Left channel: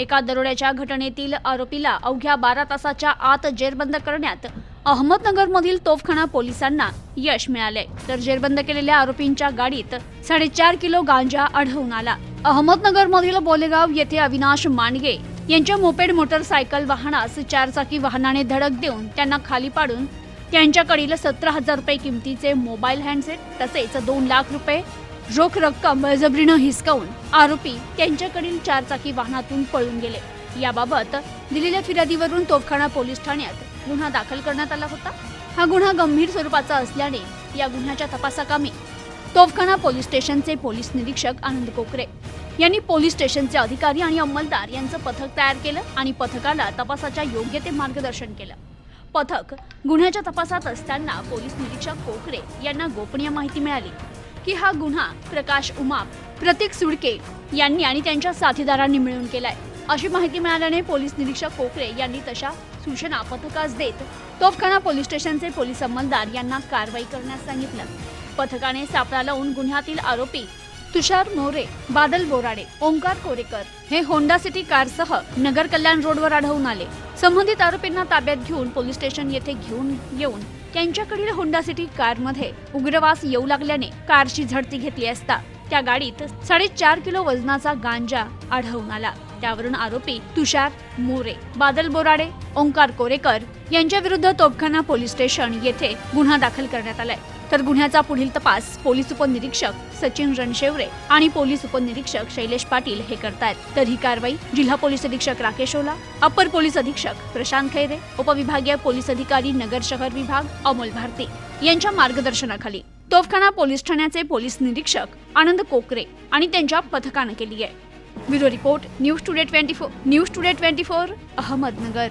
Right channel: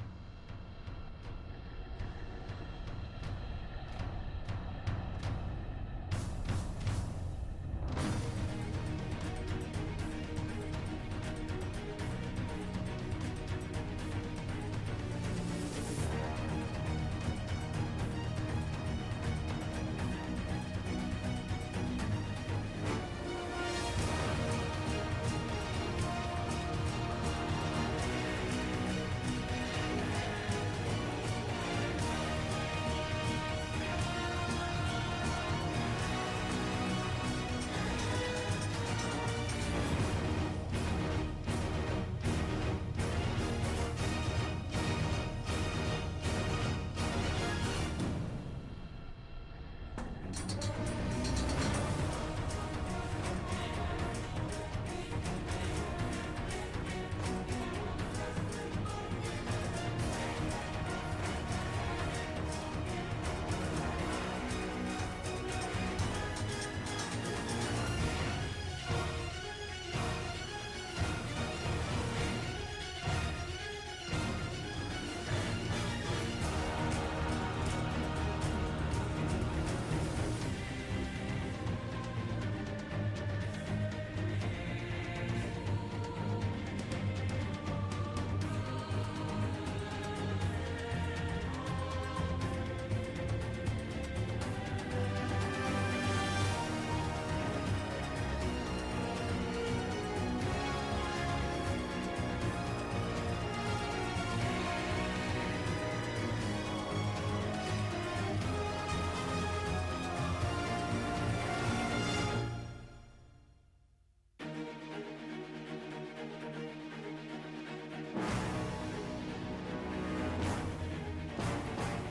एका दरोड्याच्या घटनेतील आरोपीला अवघ्या बारा तासाच्या आत जेरबंद करण्यात अहमदनगरमधील तोफखाना पोलिसांना यश मिळाले तर जेरबंद केलेल्या आरोपींच्या गाडीत साडेचार किलो गांजा आढळून आला. अहमदनगरमधील बोलेगाव येथे अविनाश मांडगे यांच्या मोपेड मोटरसायकल वाहनास चारचाकी वाहनाने धडक देऊन त्यांना खाली पाडून त्यांच्याकडील सतरा हजार रुपये किमतीचे मोबाईल हँडसेट तसेच दोन लाख रुपये रोख रक्कम बळजबरीनं हिसकावून आरोपी त्यांच्याकडील चारचाकी वाहनातून पळून गेले. याबाबत दिलेल्या फिर्यादीवरून तोफखाना पोलीस ठाण्यात गुन्हा दाखल करण्यात आला होता. हा गुन्हा गंभीर स्वरूपाचा असल्याने या गुन्ह्याच्या तपासाकामी तोफखाना पोलीस स्टेशनचे पोलीस निरीक्षक आनंद कोकरे यांनी पोलीस स्टेशनचे अधिकारी आणि अंमलदार यांचं पथक तयार केलं आणि पथकाला तपासाच्या योग्य ते मार्गदर्शन केलं. पथक गुन्ह्याच्या तपासात असताना पोलीस निरीक्षक कोकरे यांना गोपनीय माहिती मिळाली की हा गुन्हा प्रकाश उमाप प्रतीक सुडके यांनी आणि त्यांच्या साथीदारांनी मिळून केलाय. अशी माहिती मिळाल्याने पोलीस निरीक्षक कोकरे यांनी तशा सूचना पथकास देत तोफखाना पोलीस स्टेशनचे पोलीस अंमलदार यांना कारवाई करण्यास सांगितलं. पथकाने सापळा लावून गुन्ह्यातील आरोपी तुषार मोरे बादल बोराडे ओंकार कोरेकर हे होंडा सिटी कारसह नगर कल्याण रोडवर आढळून आले. संबंधित आरोपींना ताब्यात घेऊन पोलीस स्टेशन येथे घेऊन येऊन त्यांच्याकडील होंडा सिटी कारमध्ये उग्रवास येऊ लागल्याने कारची झडती घेतली असता त्या गाडीत साडेचार किलो वजनाचा गांजा आढळून आला. त्यावरून आरोपी तुषार मोरे बादल बोराडे ओंकार कोरेकर यांच्या विरुद्ध तोपखाना पोलीस स्टेशन येथे गुन्हा दाखल करण्यात आलाय. तर गुन्ह्याचा पुढील तपास पोलीस उपनिरीक्षक सचिन रणशेवरे आणि पोलीस उपनिरीक्षक शैलेश पाटील हे करतायत. तर ही कारवाई जिल्हा पोलीस अधीक्षक राकेश ओला अप्पर पोलीस अधीक्षक प्रशांत खैरे उपविभागीय पोलीस अधिकारी नगर शहर विभाग अमोल भारती यांच्या मार्गदर्शनाखाली. तोफखाना पोलीस ठाण्याचे पोलीस निरीक्षक आनंद कोकरे आणि त्यांच्या पथकानं केली आहे. Bureau report news today twenty four news today twenty four Ahmednagar.